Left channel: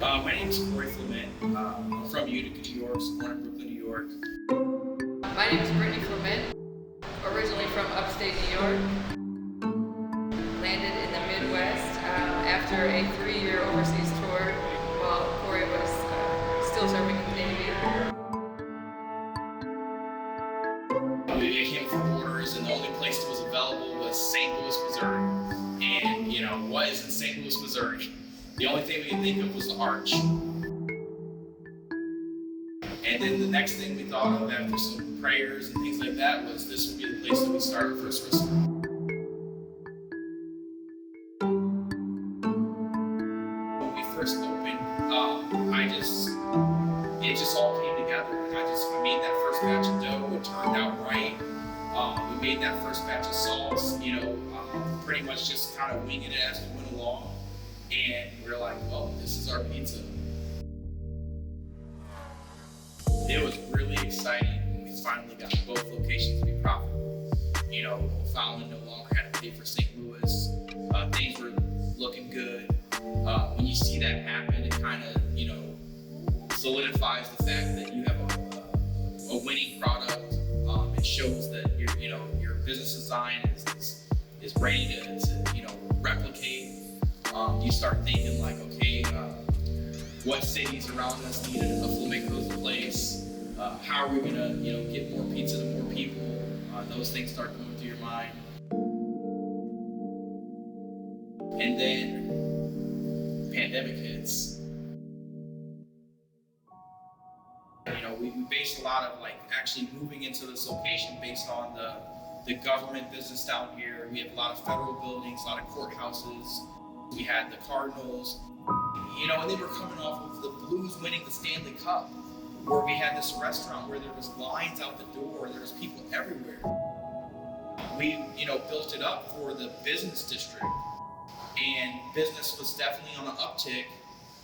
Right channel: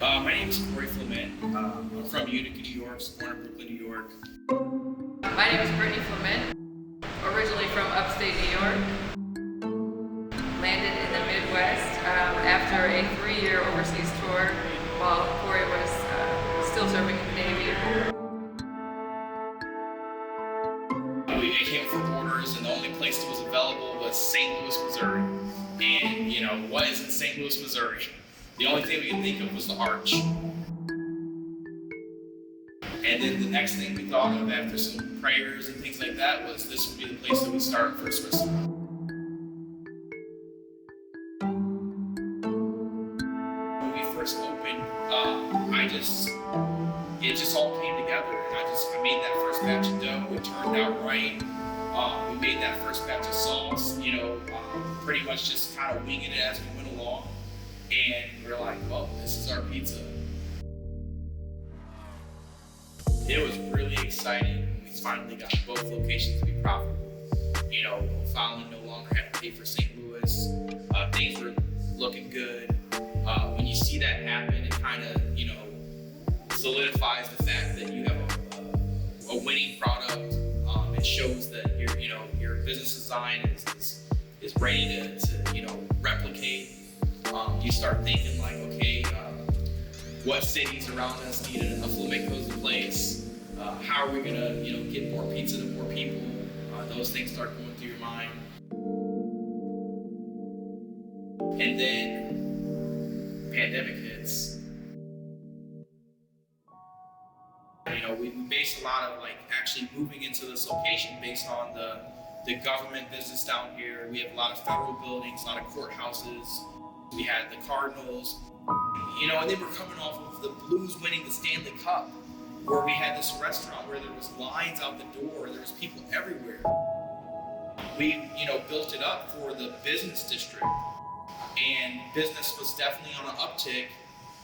My name is Clement. I'm from Utica, New York, born in Brooklyn, New York. My name is Brittany Clement, originally from upstate New York. Landed in the Midwest after a 3-year overseas tour while Corey was still serving in the Navy. We came from orders, and the only place that was available was St. Louis, Missouri. And, you know, what is in St. Louis, Missouri? The only thing we could think of was the Arch. And then the next thing we thought of after some prayers and things like that was this would be the place that we start our first restaurant. When we first opened, it just all came together. And I made that first batch of dough. It turned out right. We made that first batch of sauce, pretty much just kind of winging it as we went along. And we're like, well, this is our pizza. It was really exciting when we finally got both locations to be profitable. Fallon no longer had to pay for St. Louis. Things were looking good. When you see that happen, it kind of, solidifies the fact that you have a winning product. It shows that your business design is ready to replicate. You start thinking like, okay, what cities around us need a Flamenco's place? How are we gonna, get more pizza to more people? Those things start going through your mind. And then pandemic hits. We based a lot of actually moving into this location based on the government business down here. We have a lot of federal buildings, a lot of courthouses. We had the Cardinals, and then we're coming off of the Blues winning the Stanley Cup, where we had this restaurant where there was lines out the door, there was people everywhere. We, built it up for the business district, and business was definitely on an uptick,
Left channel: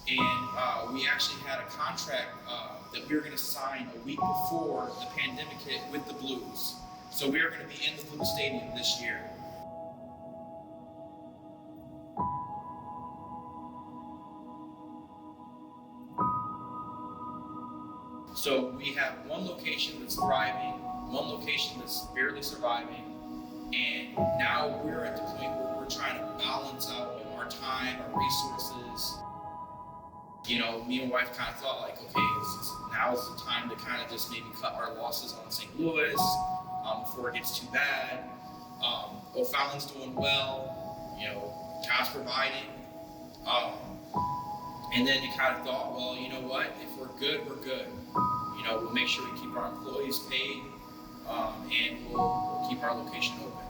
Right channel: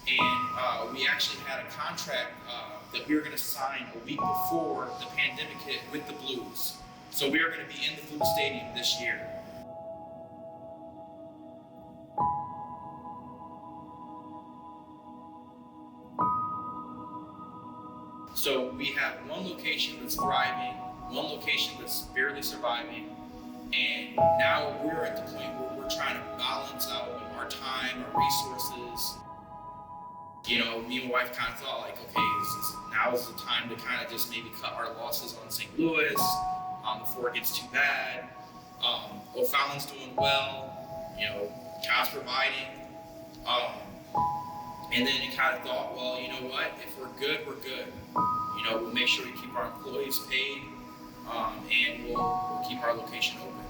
and we actually had a contract that we were going to sign a week before the pandemic hit with the Blues. So we were going to be in the Blues Stadium this year. So we have one location that's thriving, one location that's barely surviving, and now we're at the point where we're trying to balance out our time, our resources. Me and my wife kind of thought okay, now is the time to kind of just maybe cut our losses on St. Louis before it gets too bad. O'Fallon's doing well, God's providing. And then you kind of thought, well, you know what? If we're good, we're good. We'll make sure we keep our employees paid, and we'll keep our location open.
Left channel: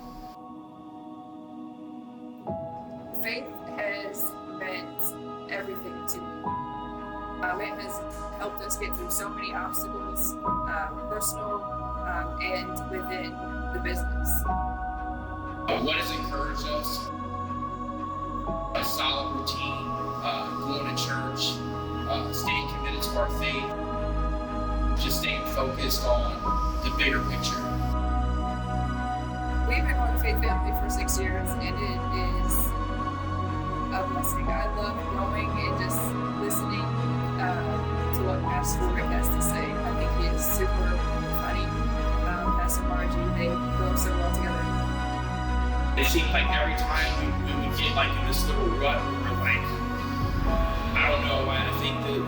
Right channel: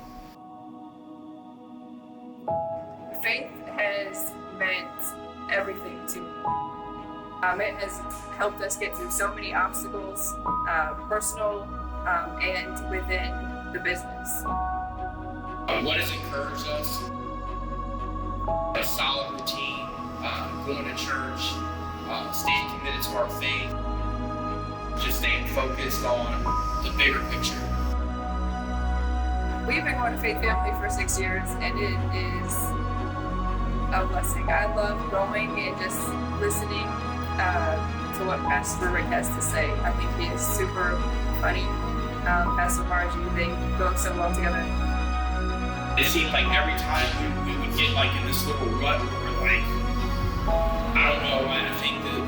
Faith has meant everything to me. It has helped us get through so many obstacles, personal and within the business. What has encouraged us? A solid routine, going to church, staying committed to our faith, just staying focused on the bigger picture. We've been going to Faith Family for 6 years, and it is a blessing. I love going and just listening to what Pastor Rick has to say. I think he is super funny. Pastor Margie, they go so well together. It seemed like every time we would get in this little rut where we're I don't know, I think that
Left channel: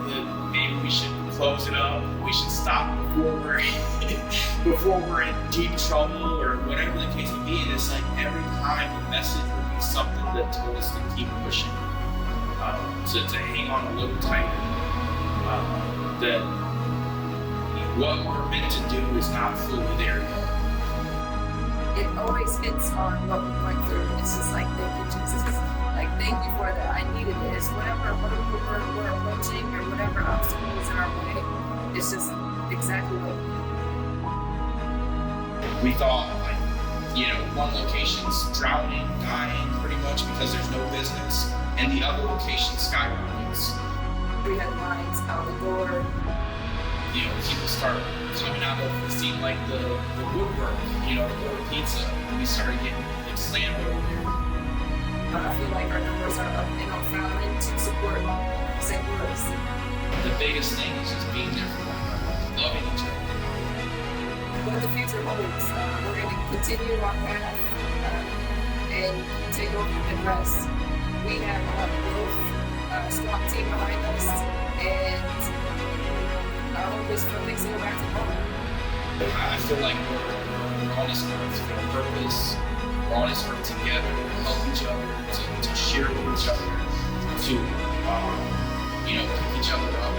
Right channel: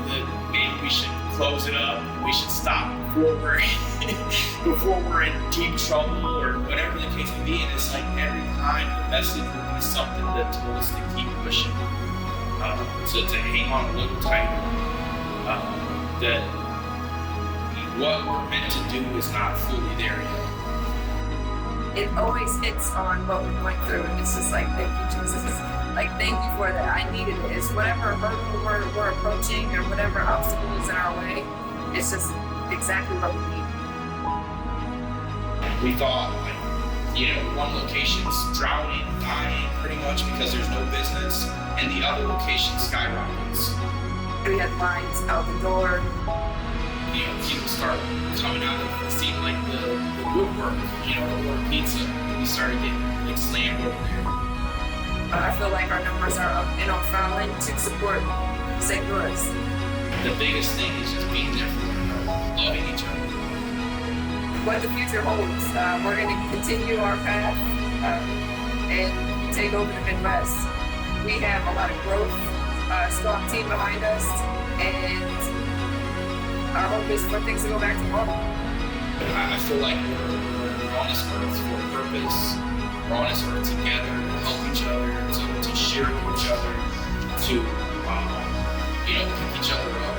maybe we should close it up, we should stop before we're in deep trouble or whatever the case may be. And it's every time the message would be something that told us to keep pushing, to hang on a little tighter, that what we're meant to do is not fully there yet. It always hits on what we're going through. It's just thank you, Jesus. Thank you for that. I needed it. It's whatever hurdle we're approaching or whatever obstacle is in our way, it's just exactly what we need. We thought, one location's drowning, dying pretty much because there's no business, and the other location skyrockets. We had lines out the door. People start coming out of it seemed like the woodwork, to order pizza. We started getting slammed over there. I feel like our numbers are up in O'Fallon to support St. Louis. The biggest thing is just being there for one another, loving each other. What the future holds, we're going to continue our path and take over the Midwest. We have a lot of growth, a strong team behind us, and our hope is for things to go back to normal. I feel like we're on this earth for a purpose. We're on this earth together to help each other, to share with each other, to pick each other up.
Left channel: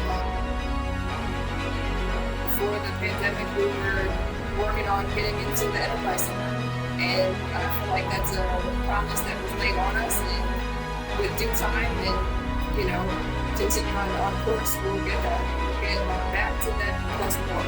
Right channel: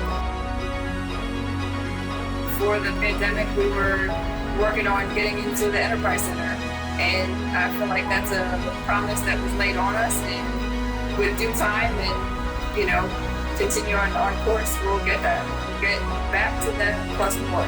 Before the pandemic, we were working on getting into the Enterprise Center, and I feel like that's a promise that was laid on us, and with due time and continue on course, we'll get that. We'll get back to that plus more.